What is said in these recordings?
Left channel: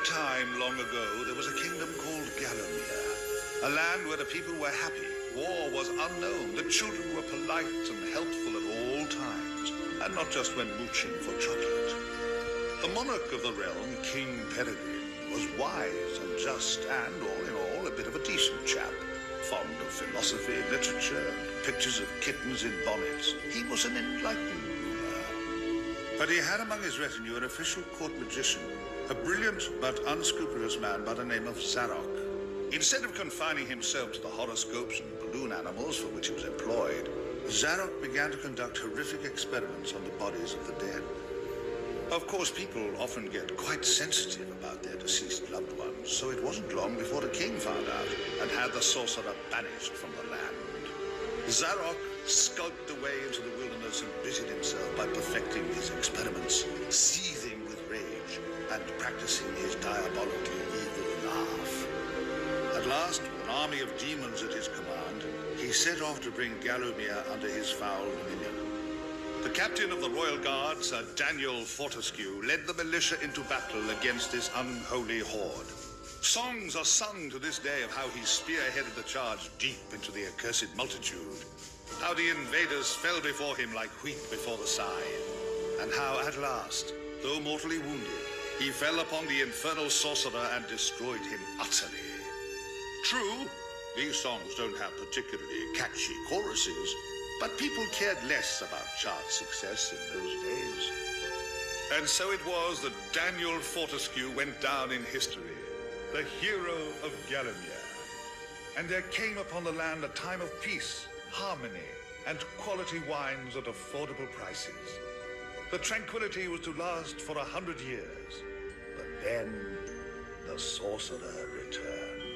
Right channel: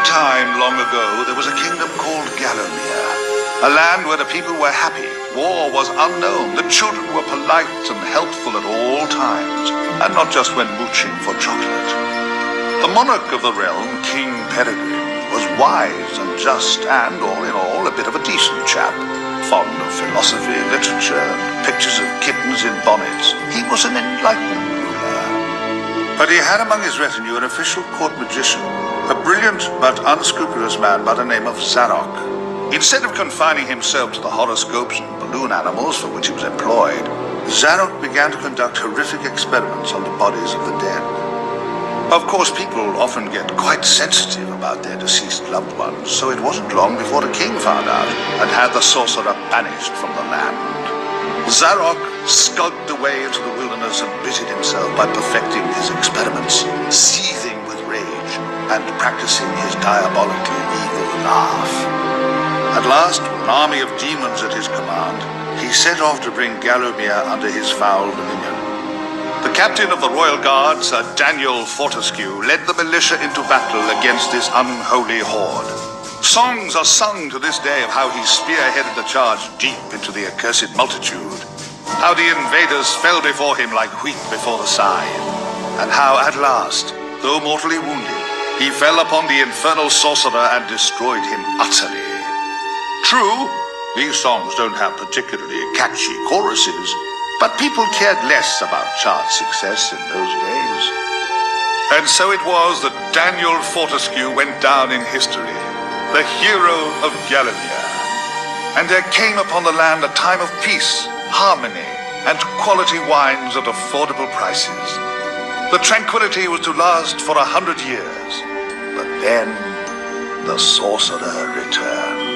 a time long ago, there was a kingdom called Gallowmere, a land where the people were happy, war was unknown, the children were polite and helpful at all times, and not just when mooching for chocolate. The monarch of the realm, King Peregrine, was wise and just and, all in all, a bit of a decent chap. Fond of philosophy, literature, and pictures of kittens in bonnets. He was an enlightened ruler. But he had among his retinue an official court magician, a brilliant but unscrupulous man by the name of Zarok. Instead of confining himself to the horoscopes and balloon animals for which he was employed, Zarok began to conduct horrific experiments on the bodies of the dead. Of course, people often get quite sensitive about their deceased loved ones, so it wasn't long before the king found out and had the sorcerer banished from the land. Zarok skulked away into the wilderness and busied himself by perfecting his experiments, seething with rage and practicing his diabolically evil laugh. At last, with an army of demons at his command, he set off to bring Gallowmere under his foul dominion. The captain of the royal guard, Sir Daniel Fortescue, led the militia into battle against this unholy horde. Songs are sung to this day of how he spearheaded the charge deep into the accursed multitude, how the invaders fell before him like wheat before the scythe, and how at last, though mortally wounded, he fell upon the infernal sorcerer and destroyed him utterly. True, these songs don't have particularly catchy choruses, but people cared less about chart success in those days. And so it was that Daniel Fortescue went down in history, the hero of Gallowmere. And there came upon the land a time of peace, harmony, and quality wines at affordable prices. The tranquility was to last for 100 years, but then the sorcerer returned.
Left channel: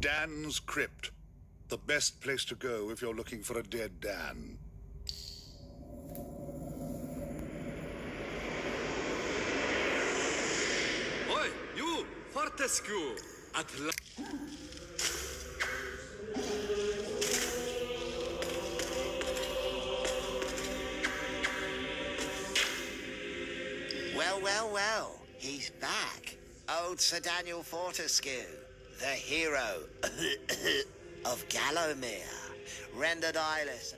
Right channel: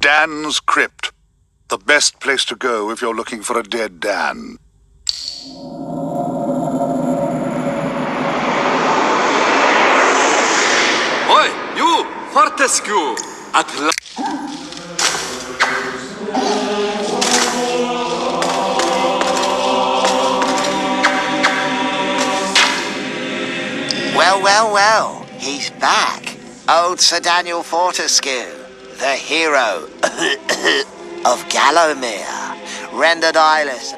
Dan's Crypt. The best place to go if you're looking for a dead Dan. Oi, you! Fortescue! At la... Well, well, well. He's back. Old Sir Daniel Fortescue, the hero of Gallowmere, rendered eyeless.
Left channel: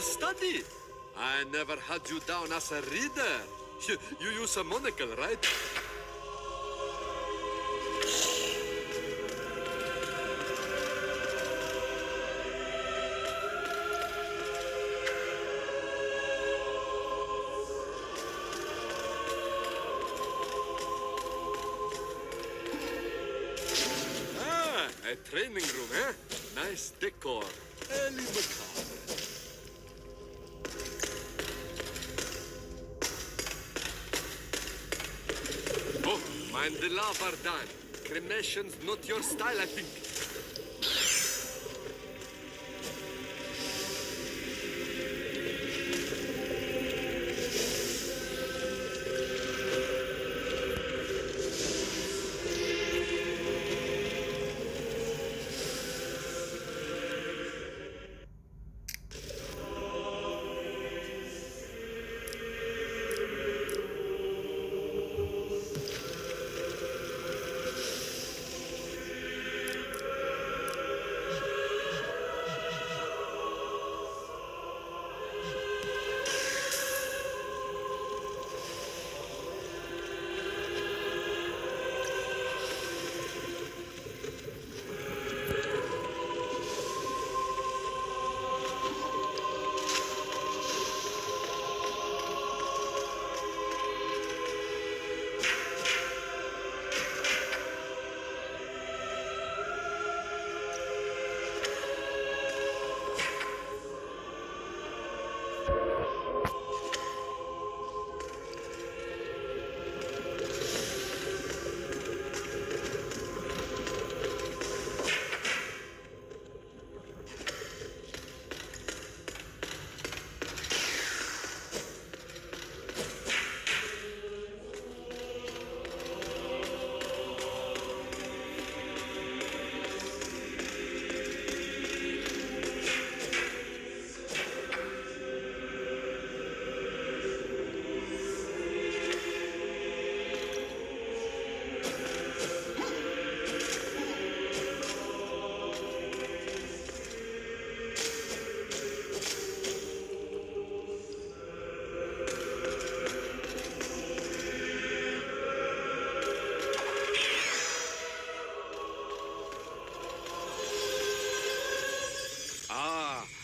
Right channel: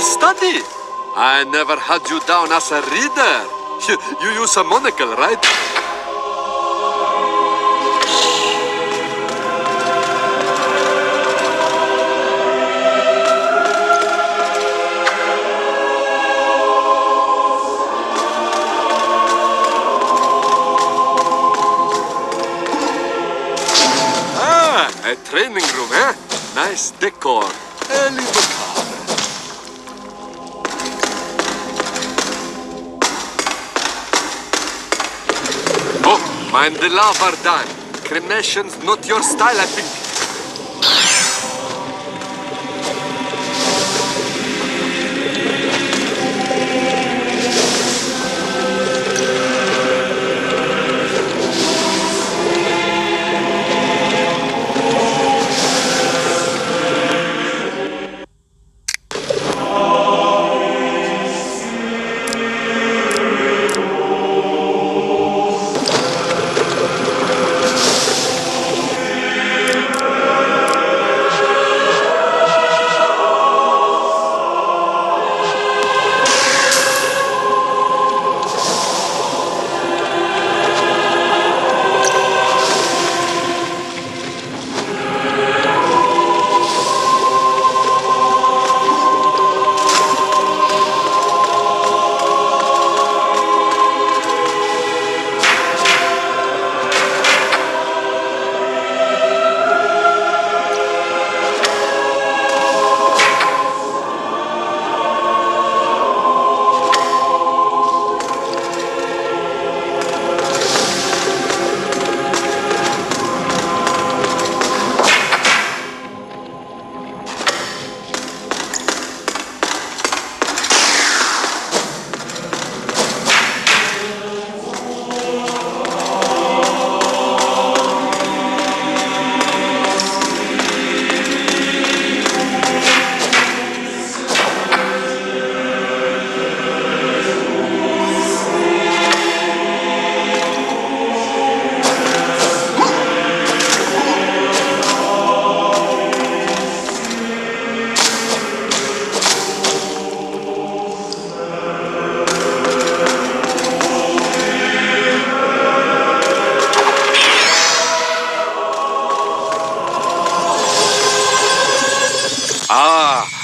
Study? I never had you down as a reader. You use a monocle, right? Ah, a training room, eh? Nice decor. A little car. Mind the lava, Dan. Cremation's not your style, I think.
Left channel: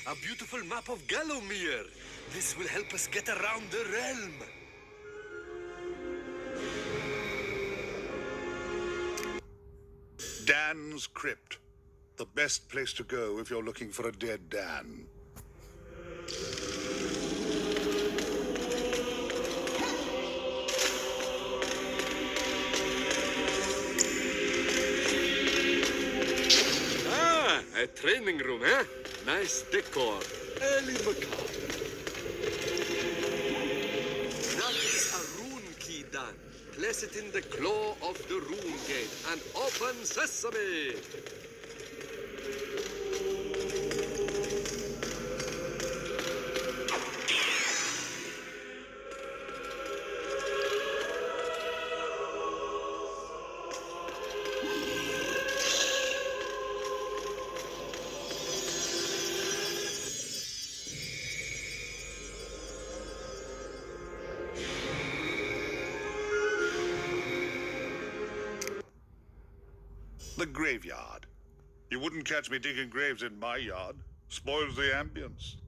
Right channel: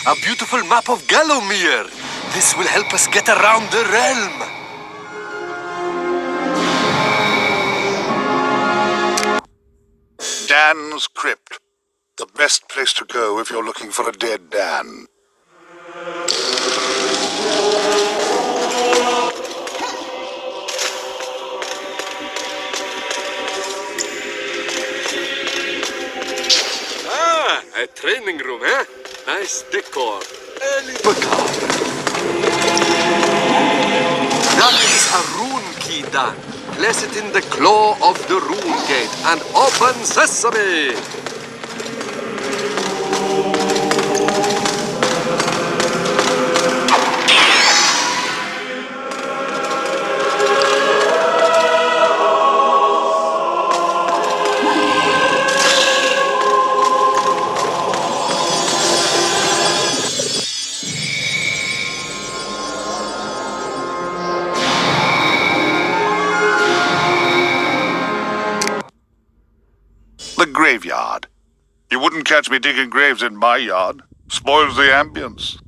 A beautiful map of Gallowmere. This will help us get around the realm. Dan's Crypt. The best place to go if you're looking for a dead Dan. Ah, a training room, eh? Nice decor. A little car. That is a rune key, Dan. Place it in the claw of the rune gate and open sesame. The graveyard. You wouldn't catch me digging graves in my yard. Spoils the ambience.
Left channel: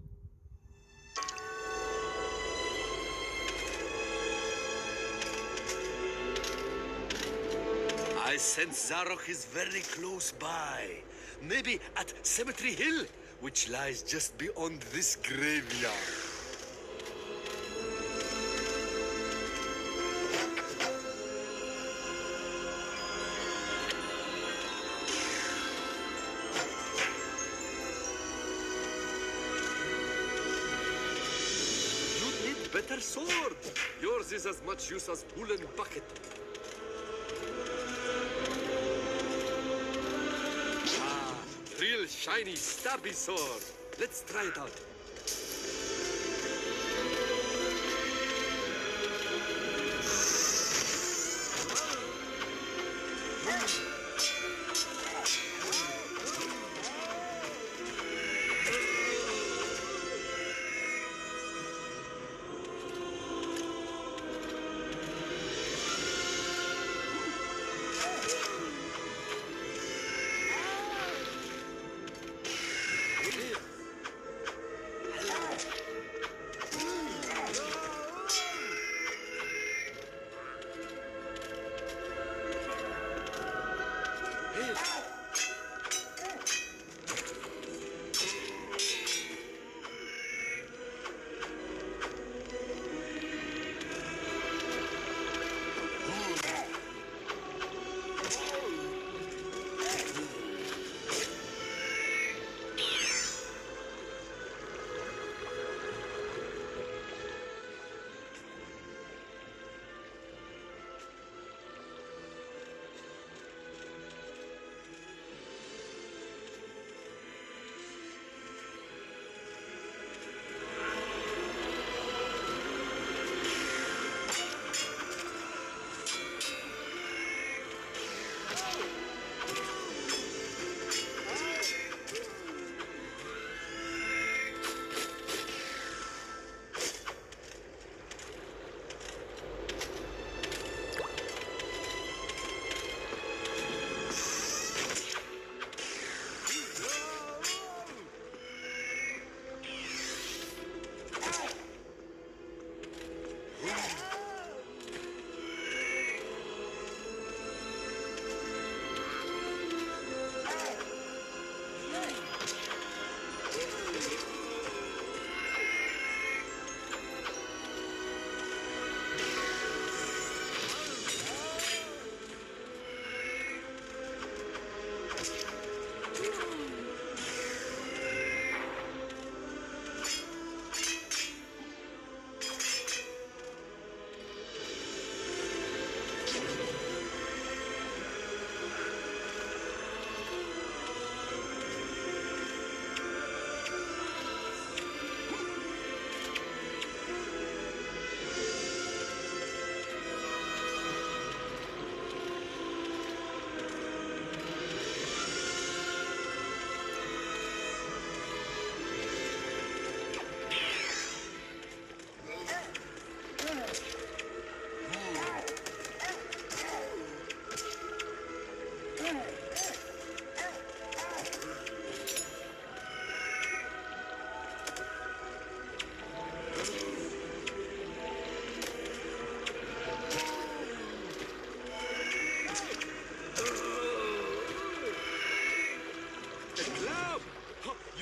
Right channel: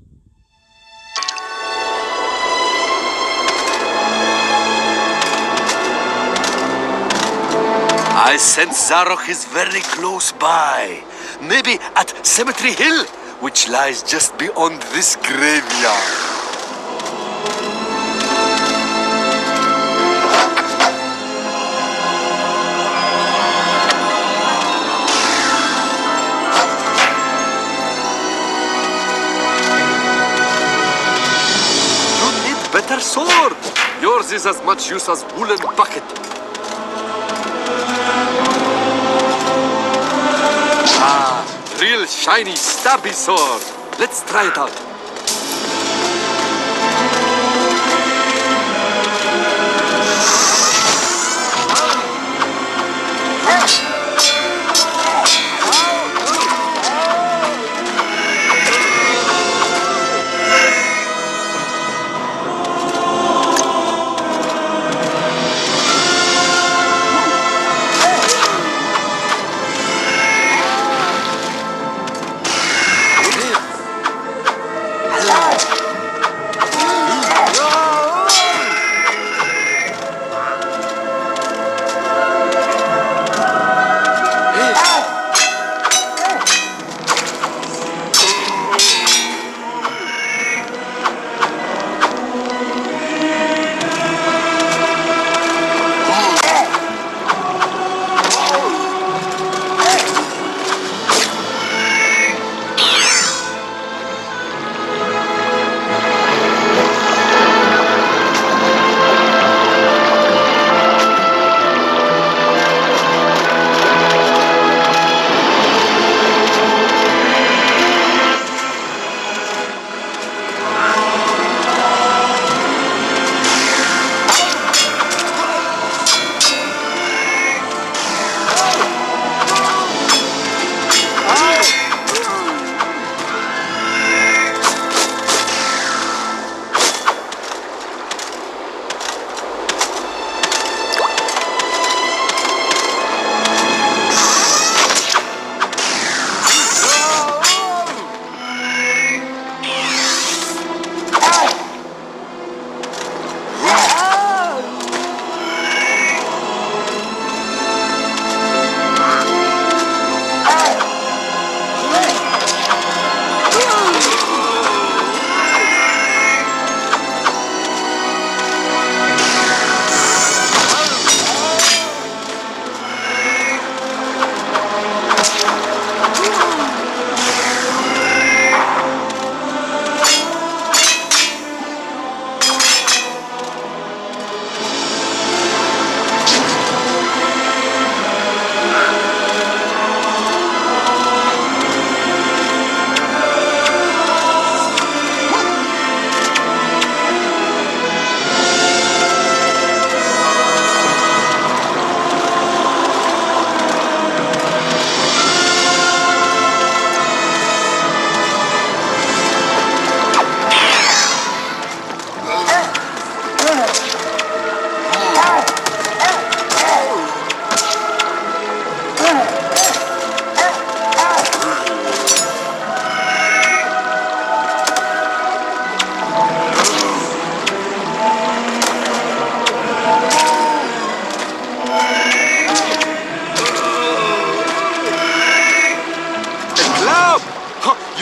I sense Zarok is very close by. Maybe at Cemetery Hill, which lies just beyond this graveyard. You need better sword. Yours is as much use as woolen bucket. Real shiny, stabby sword. Let's try it out.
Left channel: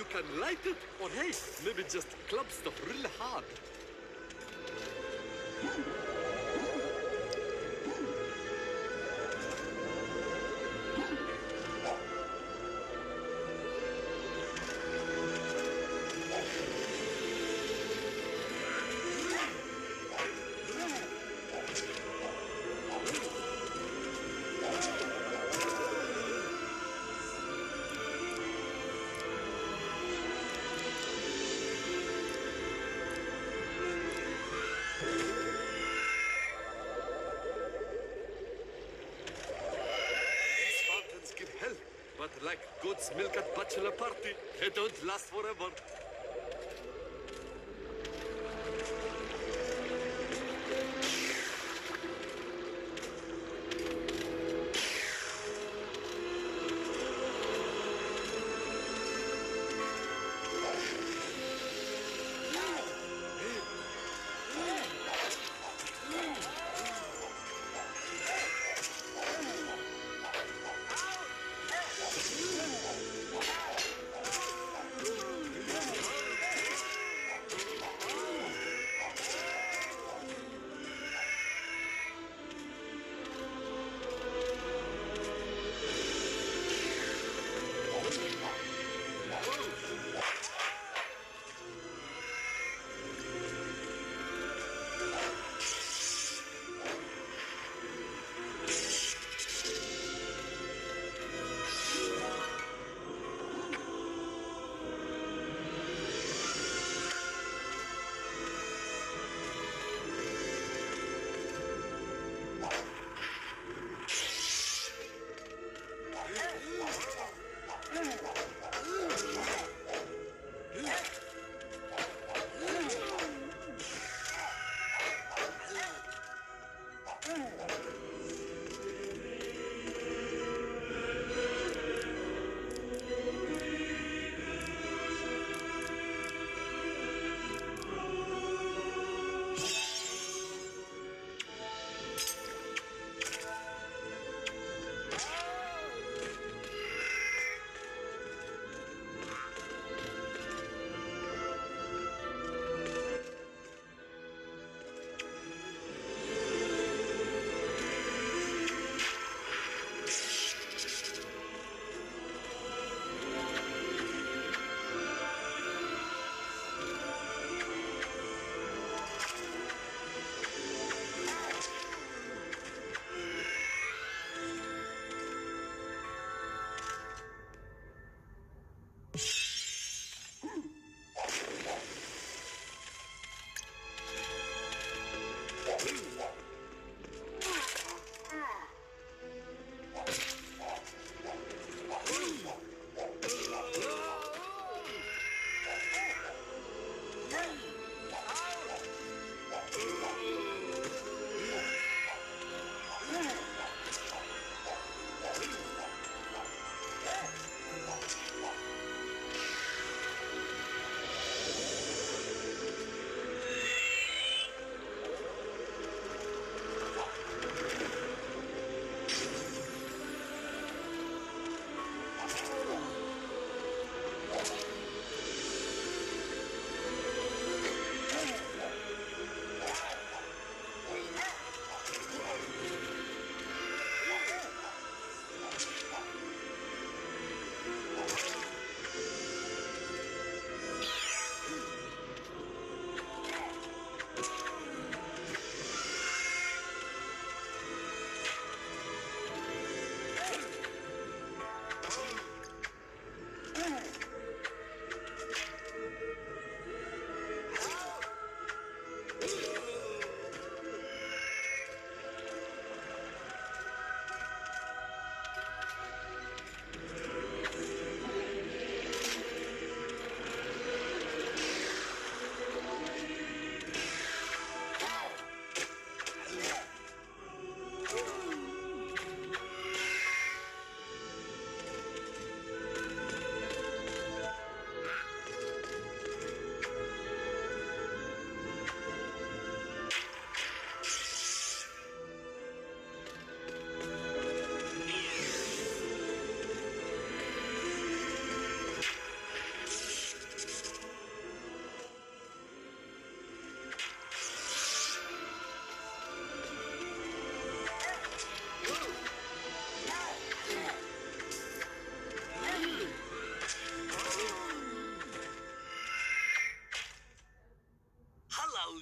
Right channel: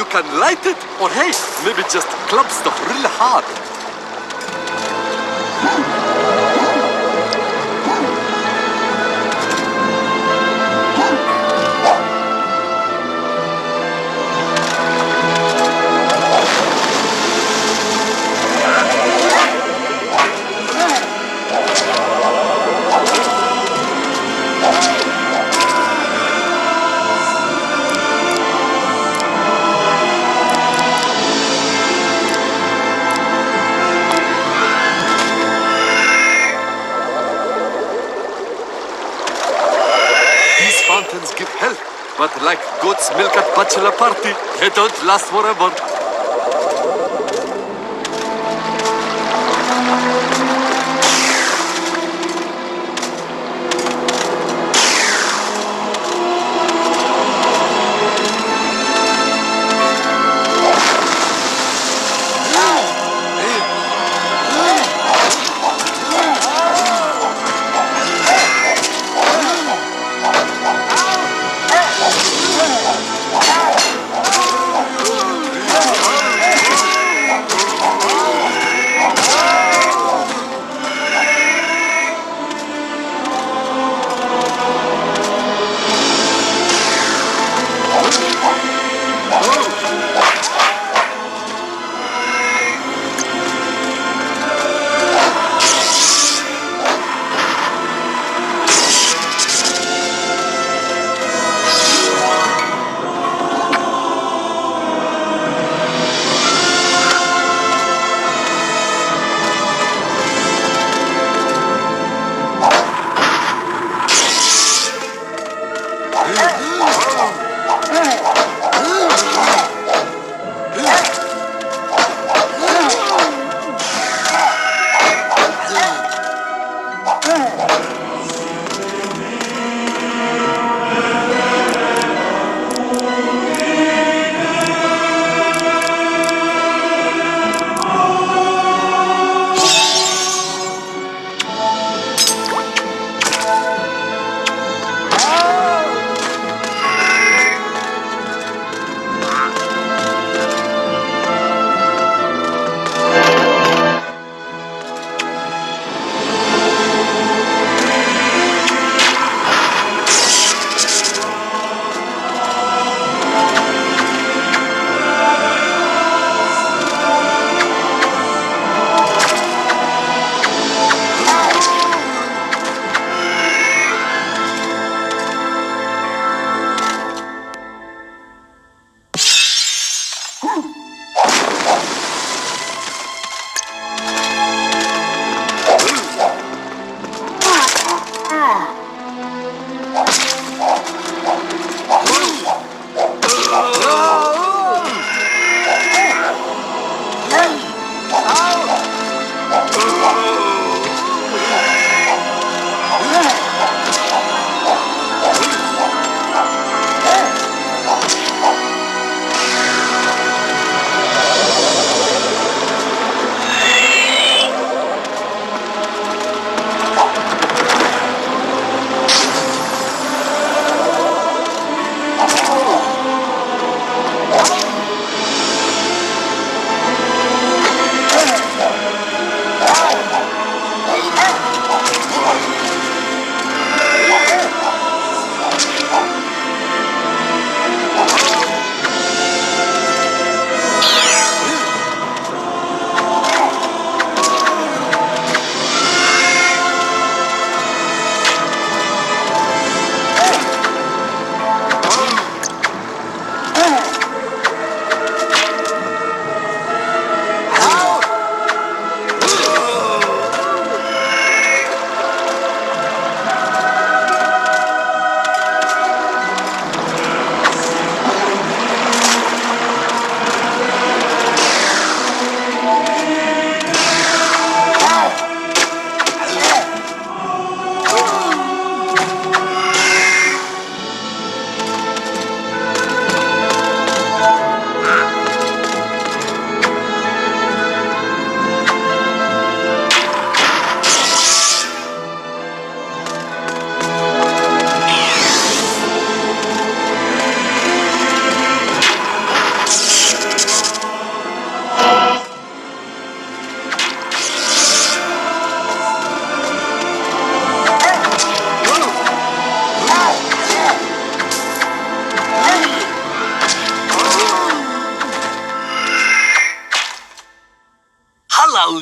Can light it, or hey, maybe just club stuff really hard. Fountains give health, but like goat's milk at bachelor party, they don't last forever.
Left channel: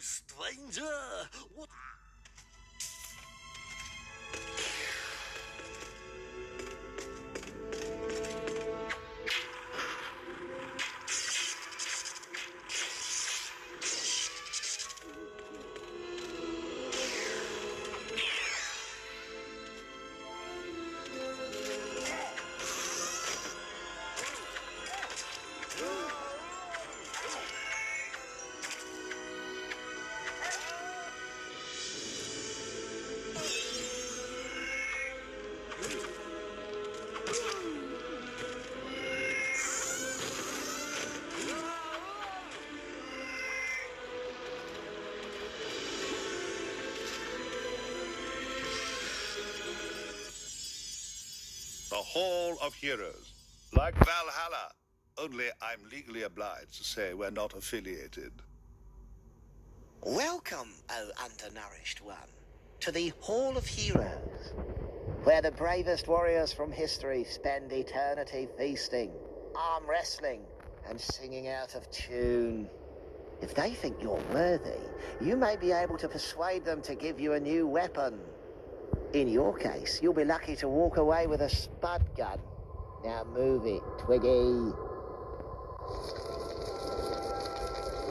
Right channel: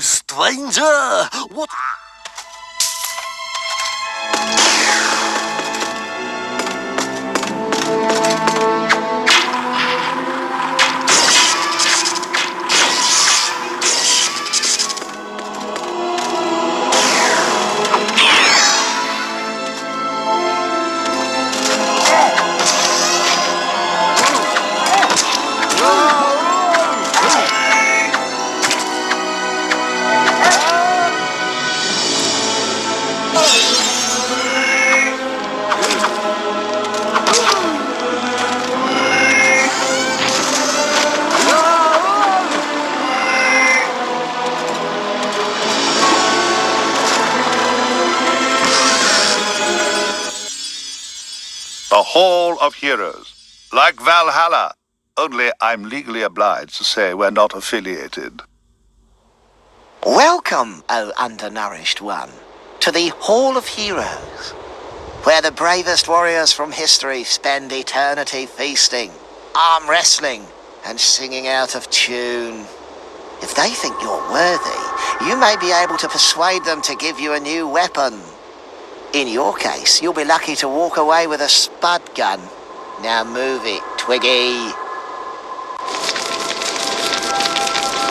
stranger! What? The Hall of Heroes. Like Valhalla, only I'm legally obliged to say we're not affiliated. Welcome, O undernourished one, to the Hall of Heroes, where the bravest warriors from history spend eternity feasting, arm wrestling, and singing out of tune. If they think you're worthy, you may be able to persuade them to give you a new weapon. In your case, you'll be lucky to walk away with a spud gun. Now move it, Twiggy.